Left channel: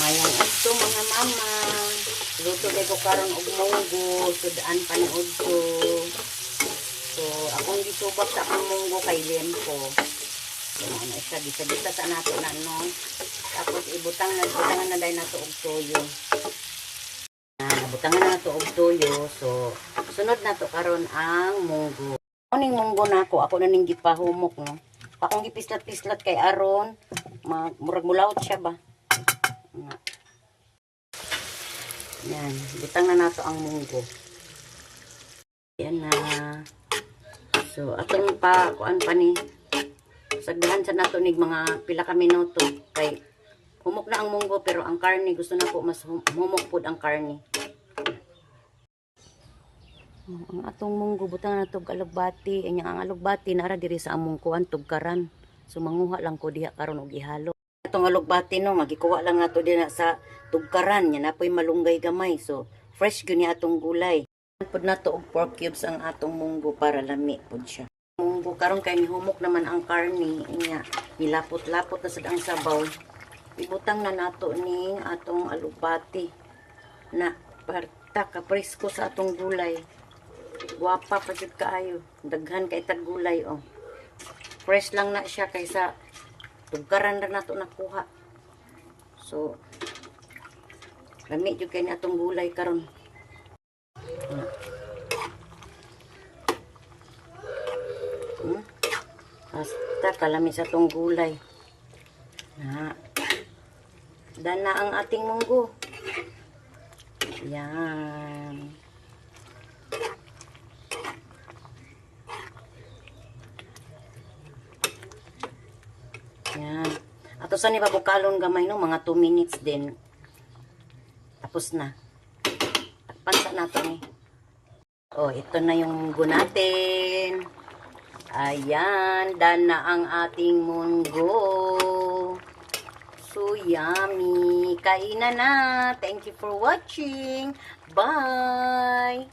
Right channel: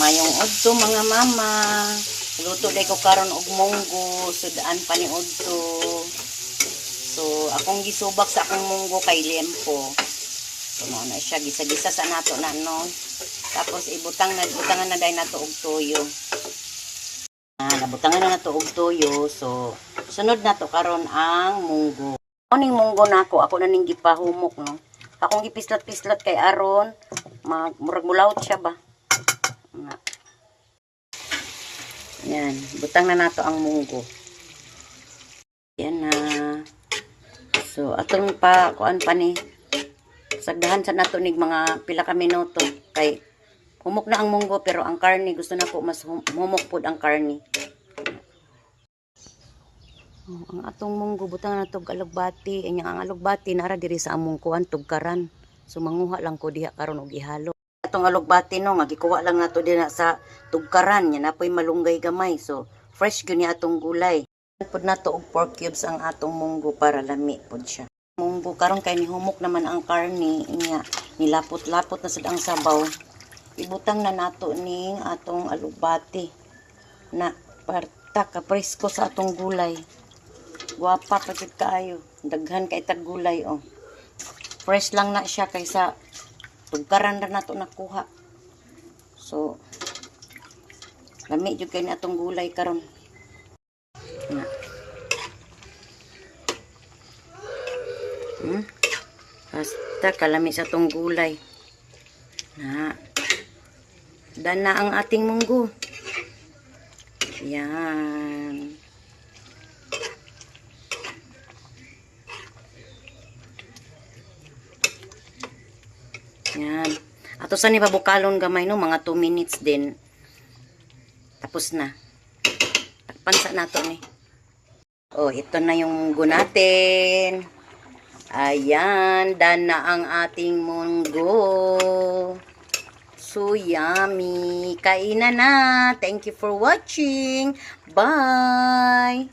Mayong udto mga mama. Luto day ko karon og munggo, sudaan pa ni udto. So akong gisubak sa akong munggo kay lempo. So na siya gisa-gisa sa nato na no. Tapos ibutangan na day nato og toyo. Nabutangan na nato og toyo. So sunod nato karon ang munggo. Oning munggo nako, ako na ning gipahumok no. Akong gipislat-pislat kay aron murag mulaut siya ba. Yan, butang na nato ang munggo. Yan na. So, atong pa, kuan pa ni, sagdahan sa nato nig mga pila ka minuto. Kay, humok na ang munggo, pero ang karne, gusto na po mas humok po ang karne. Ang atong munggo, butang na nato alugbati. Ang alugbati, nara diri sa among kuan, tugkaran. So, manguha lang ko diha karon og ihalo. Atong alugbati no, magikuha lang nato din sa tugkaran, yan apoy malunggay gamay. So fresh gyud ni atong gulay. Pud nato og pork cubes ang atong munggo para lami pud siya. Munggo karon kay nihumok naman ang karne, inya nilapot-lapot na sad ang sabaw. Ibutang na nato ning atong alugbati na parta ka presko sa atong gulay. Guwapa pa jud kaayo, daghan kay tag gulay oh. Fresh lang na siya kaysa tugkaran na nato nakuha. So, lami jud kay ni atong gulay karon. Basta kalami sa atong gulay. Dana ang ating munggo. Yan. Yan. Ato sa ni pabukalon gamay no, mga 2 minutes din. Tapos na. Takpan sa nato ni. Oh, ito na yung munggo natin. Ayan, dana ang ating munggo. So yummy. Kainan na. Thank you for watching. Bye.